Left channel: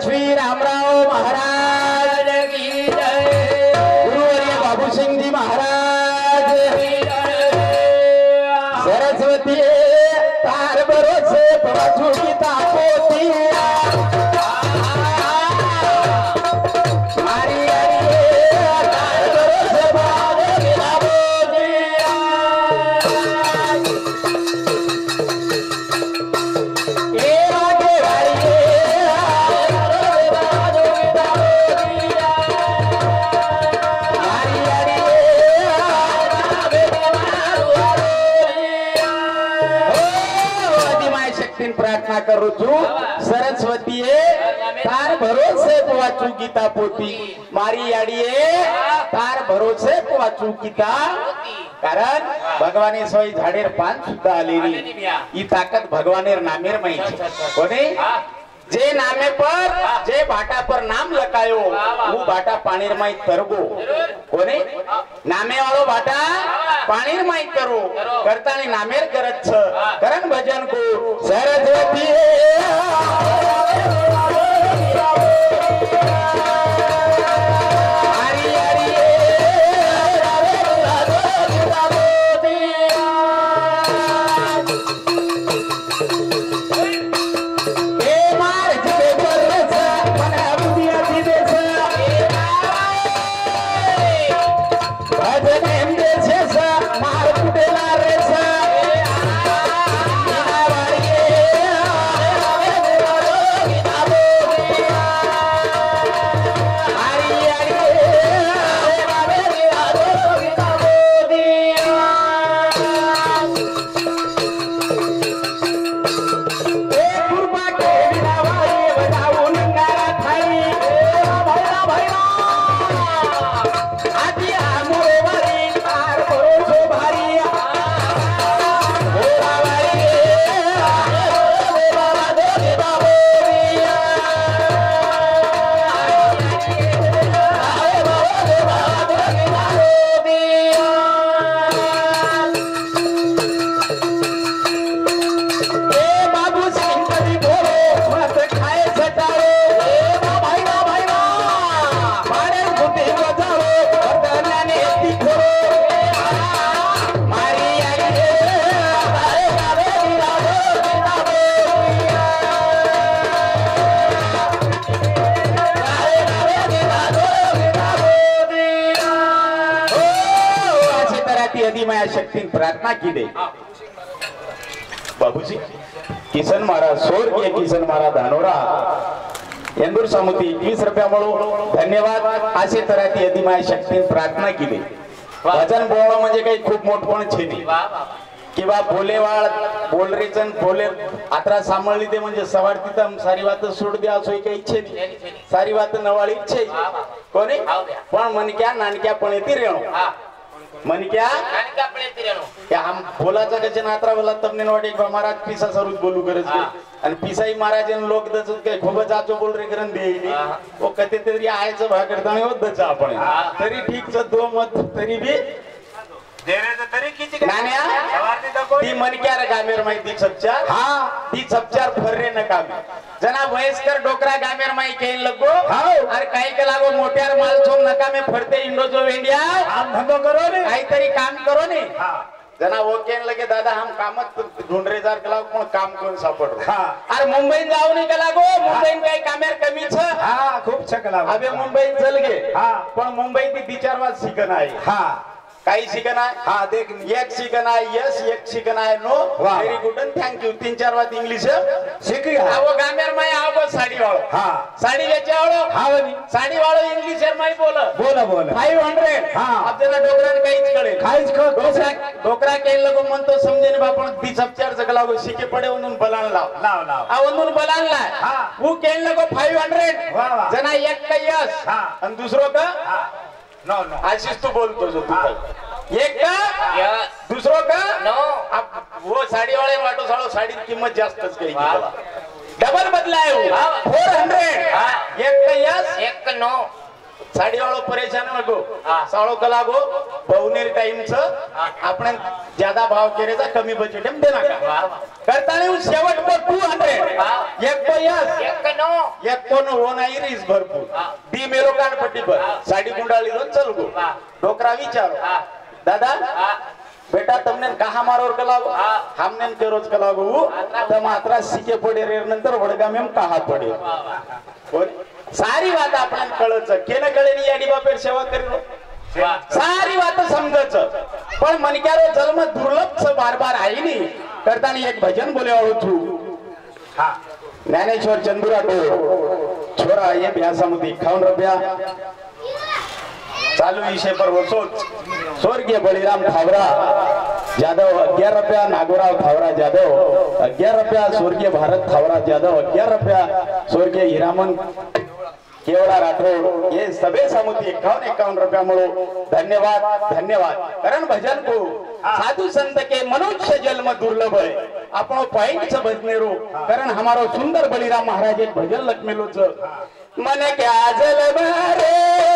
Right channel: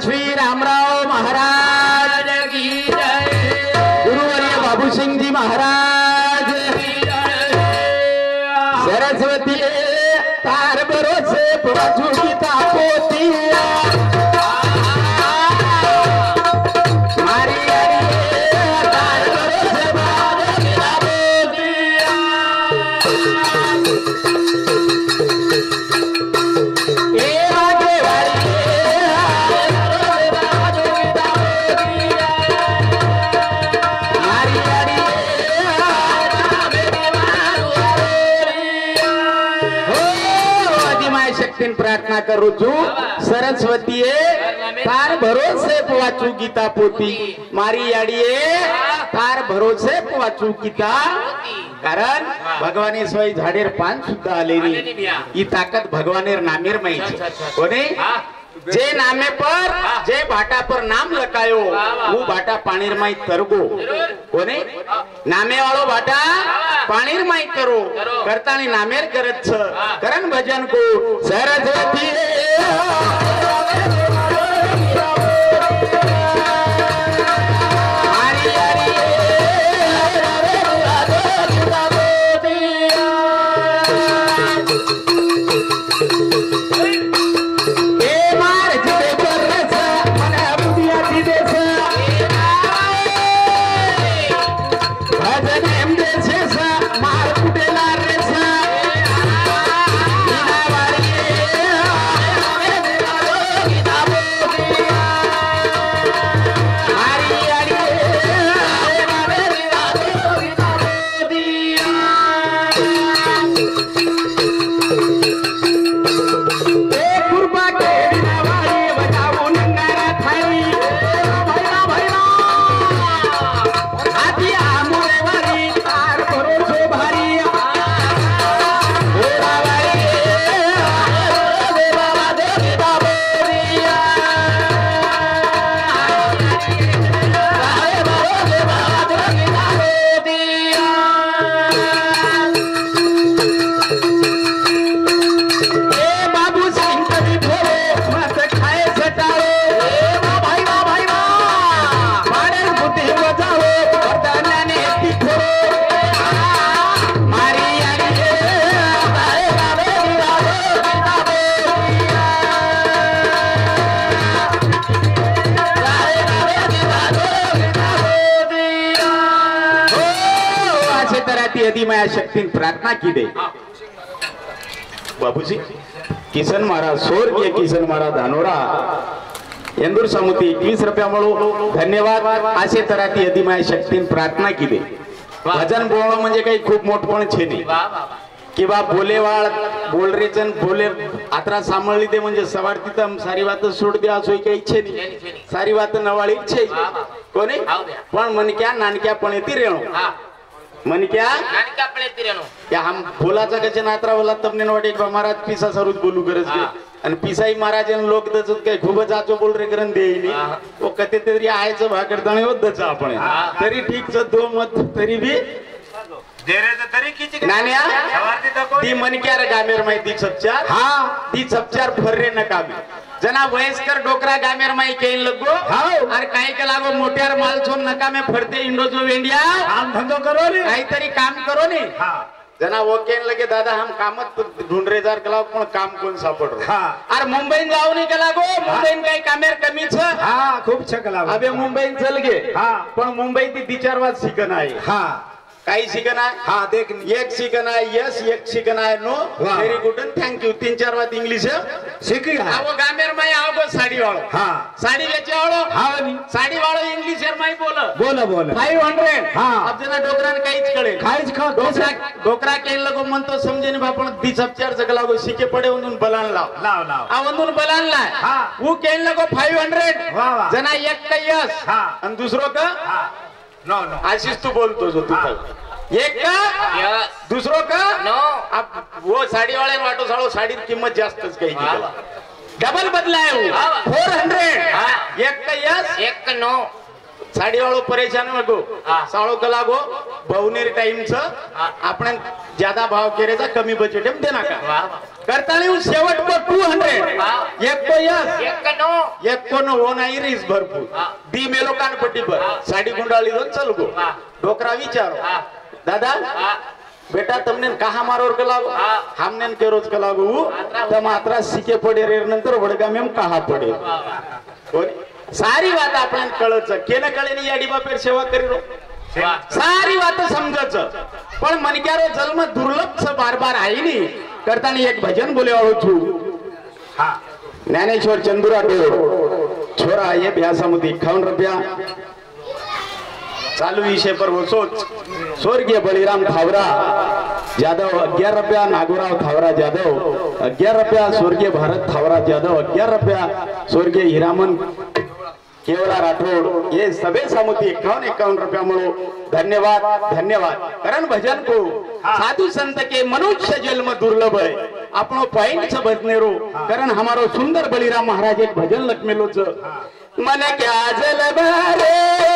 तपस्वी रामराव महाराज की जय, गुरुवर्य बाबूसिंग जी महाराज की जय। सरस्वती तार भरोसे प्रचुरी तापोती प्रार्थना करू छू सरस्वती तार भरोसे वाचू गीता पोती मारी याडीए तार भरोसे वाचू गीता कारण भगवाने सोय झाडेर पान सुद्धा आलेली ही ताकद भगवानेर नामेर माहिती कोने जे नामे पर जे भाटा पर नाम लकायो वो भाटा पाणीर माई तरगो कोने नामे वालो भाटा पाणीर माई करो करतानी नामेर करत छ करन भजन को सरस्वती शक्ति प्रार्थना की दे बाबूजी किसन महाराज स्वर्गीय किसन महाराज धानोरा इंदूर समुती 21 रुपया म्हणून धन्यवाद असे तराती यदि माया शक्तीन प्रार्थना की दे भजन बोलणं म्हणजे काही खूप मोठपण छे नाही किंवा बोलेवाळ बोलरेचन बोले आत्रा सांभाळली दे म्हणजे सवार तिथं सारी बात सोड द्या असो काही इच्छे नाही सारी बात नवाळी इच्छे कोणी पण मनक्या नानक्या पण येते रेणू मन क्या या हम बोलाचा कचे नात्रा बोला तमने वाटे महाराज पिसा सरूच बोलू गरज आणि पिसाई महाराज लोक दचत काय खूप जाचो बोल रे करन देईली ओ कते तरी आयचं भा करताना होतच आपण तरी ठीक च दो मत तरी बी देरे तरी किती नान्या ती मन क्या रे गामेर माहिती सबचार हां ती सबचार फर्रे न कामे जना वयस्कर डोकरा गामेर माई केन लगो और काही के लागो मोट्यार माल छोन नकामे फरते इंडो जो इंडिया काम धंधो करो ने काहीतरी काम करो ने जना वो केन लगे दादा हम कामत ढूंढ रे जार कलाव पण काम कोण सापड रो और मुंबई जाऊ नहीं कला गो मुंबई काही कामेर कमी छ हां खूप छकला अबे मुंबई चल गे पण मुंबई ती 2-4 वाज शिकन आहे काही शिकन आहे हां देख एक शिकन आहे यस एक शिकन आहे no very good and thank you 3-4 बात इंग्लिश सीख गया वो गामेर में आओ साड़ी वालो साड़ी बेचे वालो हावनी साड़ी वालो इंग्लिश में बोला 500 अब जना डोकरा ने काहीच कळे डोकरा केन लगो मन तो समजे ने बापण दी सबचार जगला गो शिके पडे उनून बलान लाव आ उनून बलान लाय वो केन लगो 500 जना एक का यस आणि दुसरो का नो आशीष तू बोलतो जो तू एक का यस दूसरो का नो अब वो साड़ी वाले वाटो सालो साड़ी की कीमत जास्तच काही केला डबल बदलाय 400 एक का यस एक नो साड़ी वालों परेशान लगो हाँ। साड़ो कलागो बहुनेर टाइम छ आपण ज्यादा भाव केरेचा कमी बजेट में देना का वाह करता नहीं उस शेवट को 200 हाँ। एक तो यस एक तो नो हो नाही रीस भरपूर हाँ। दी मेलो कान पट्टी पर साड़ी गुंडाळी दोन चल गो हाँ। डोकरा विचारो हाँ। दादा हाँ। बेटा तुमने कहा मारोर कलागो हाँ। हमने के रोज कलागो तो मात्रा सीके पडे रे नंतर वडगा में कहा पडे कोण सारी बात आपण कळच केन कळेनी याडी बापेर सेवा करीरो सारी बात समजच पण मनक्यारो जन्म दुर्लभ बार बार आई नी करतानी एक भजन बोले वाळो छु हा ज्ञानेश्वर चंदुरा तो छोरा ये ब्यासामुदी 51 रुपया चालू विषय पर वो सोच स्वर्गीय बलिराम थावरा जाधव 11 रुपया नागोराव थावरा जाधव 11 रुपया स्वर्गीय भारत थावरा जाधव 11 रुपया स्वर्गीय हिरामन केवड़ा राठौड़ ये सबे समुति 51 रुपया मळो धन्यवाद धन्यवाद कारण भजन को साधु संत के मनुष्य जन्म दुर्लभ है आपनो पॉइंट से बजनेरो कारण हमारो सुंदर बलिराम महाराज एक भजन लखमेलो छ मन क्या जल भरे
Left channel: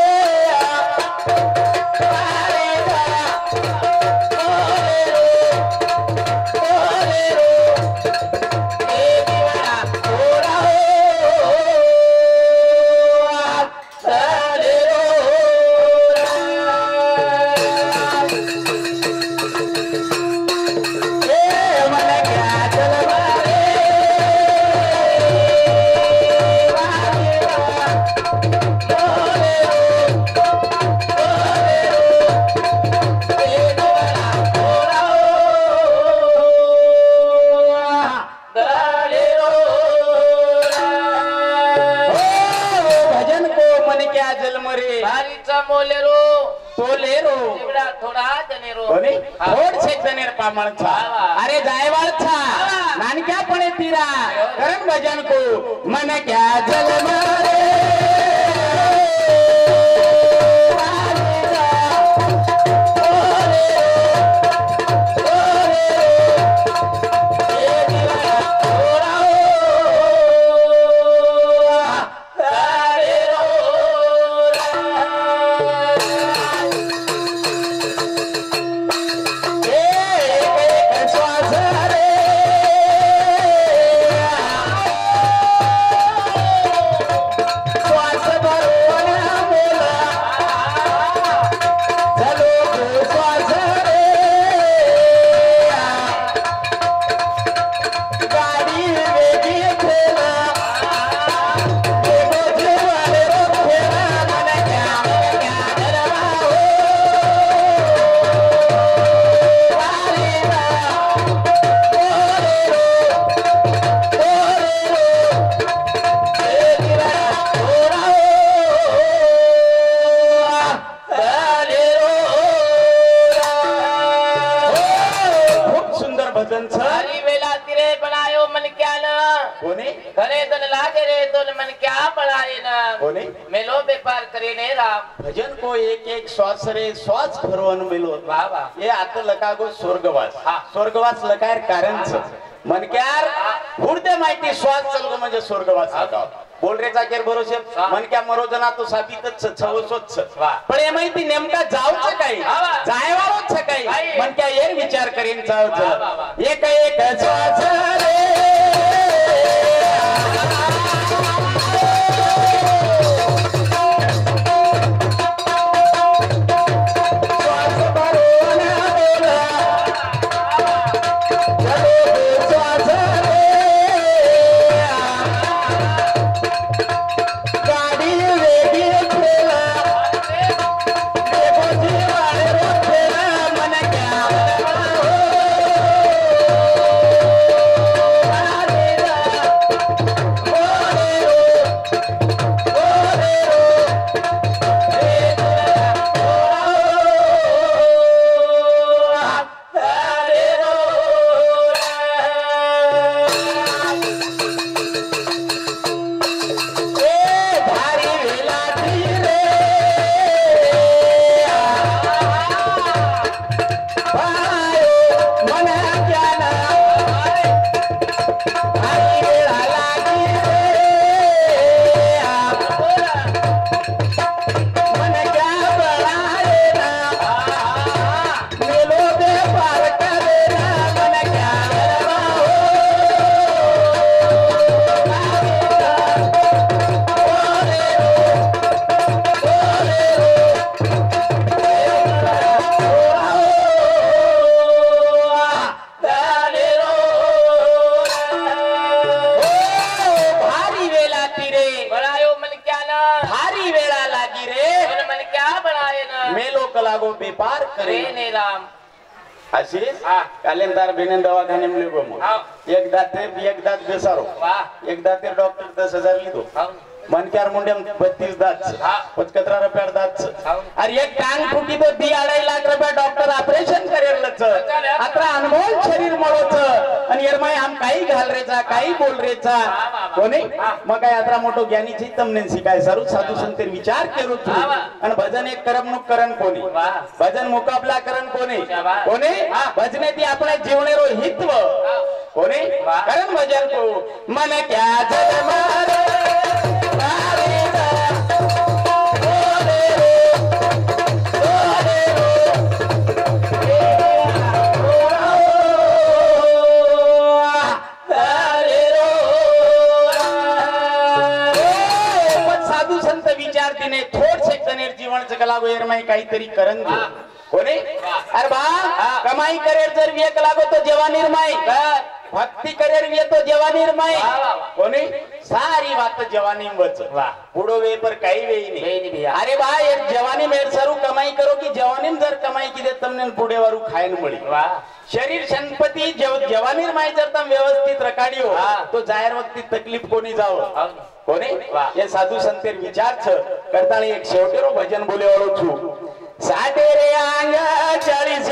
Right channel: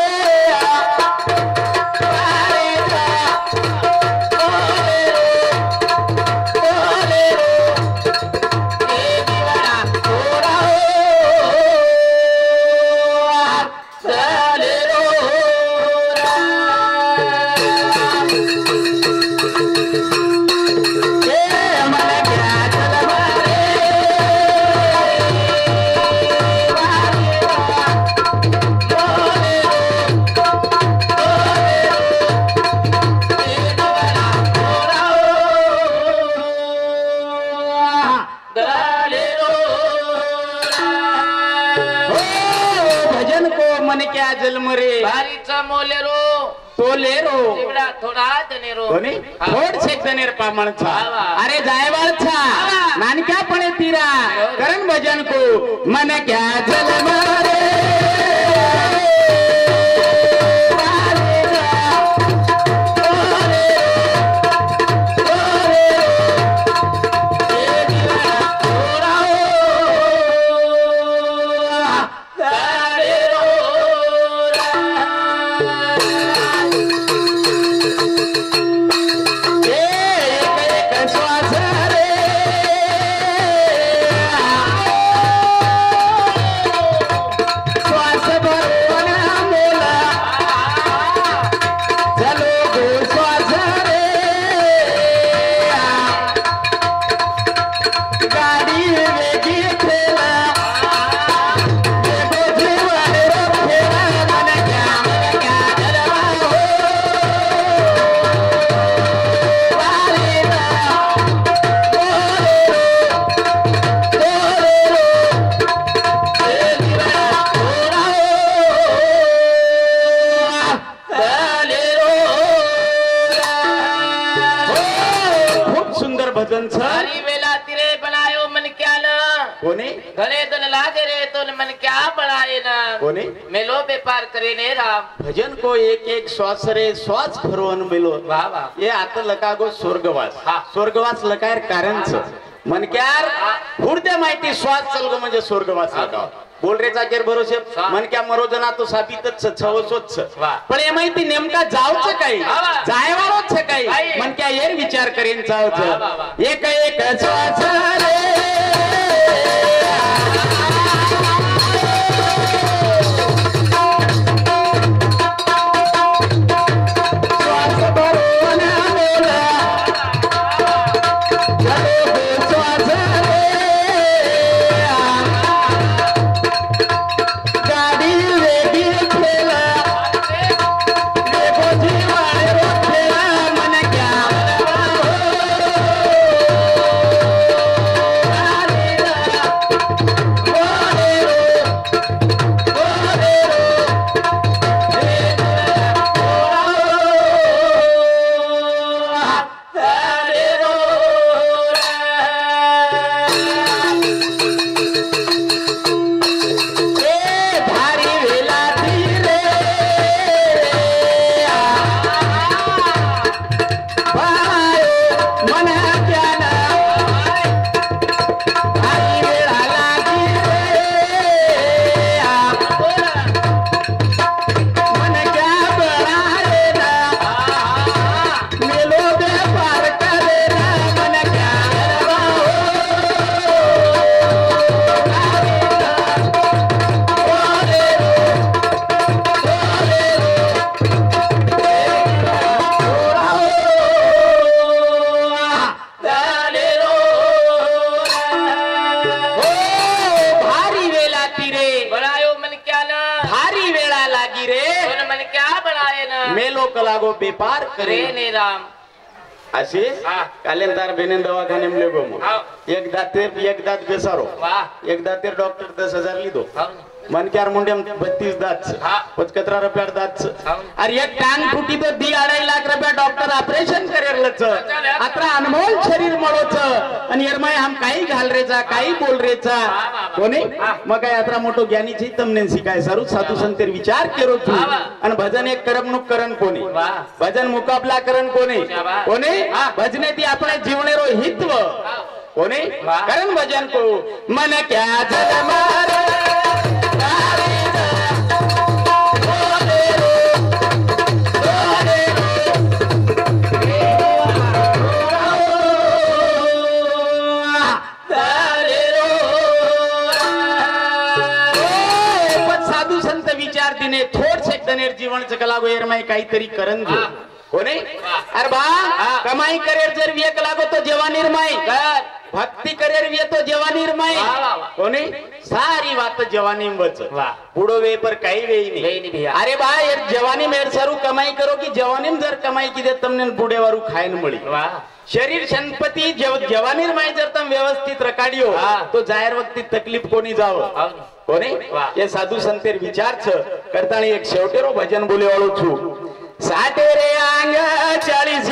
अरे जायवाल छा नानक्या पणे तीरा करण भजन को मन क्या जल मारे भजन को एक एक श्वास रे श्वास भरवन मिलो ये आता लकागो स्वर्गवास स्वर्गवास लकार कारण मन क्यार हुडदे माहिती श्वास चलगो म्हणजे स्वर्गवास लकाव बोल रे चाकेर भरोसे मन क्या मरोजना तो साबितच छवसोच पण हे माहिती नेमका जाऊच काही जायवारोच काही मन क्या येर विचार करीन जाऊच एक एक श्वास रे बेपार करे रे ने राम अशी हा. कालेंदार बेने दवाखाने में लेगो मग हाव. एक दात बेसारो वाह एक दाते डॉक्टर 10,000 लिदो हाव मन क्यार मुंडे 32 दात हा. 75 रुपया दात हाव. अरे एक टांग फुटी तो 2.5 लाख रुपया डॉक्टर ऑपरेशन करेलच आता अनमोल शरीर मळोच आणि एरमाय हम काही घाल रेचा काही बोल रेचा कोणी मग काय यात्रा मोठो ज्ञानीची तमने शिकाय सारू साधू संतेर विचार केरो तू आणि भजन एक करमणूक करण कोणी वाह. भजन मुकाबला करण कोणी शाबास. कोणी भजने ती आपल्या जीवनेरो हित्व कोणी वाह. करण भजन को मन क्या जल मारे साधू संत विचार दिने थोड सेक्शनेर जीवन कलागो एरमाई काहीतरी करण जो कोणी अरे बा कमाई करेर जर वियक लागो तो जेव्हा निर्माई भक्ती करेर विय तो जेव्हा निर्माई कोणी सारी बात जवानी वच पुढो वे पर काही वेई नाही अरे बा यार जवानी मेर सरू कमाई करो की जवानी जर कमाई की दे तमने पुढे वारू खायन मळी शरीर संपत्ती जवानी माई जर तम व्यवस्थित रकाडियो तो जाहीर वक्ती तकलीफ कोणी जाव कोणी ये साधू संतेर विचार छ करताणी एक शेवटेरो भजन बोले वाळो छु साठे रे आंग 40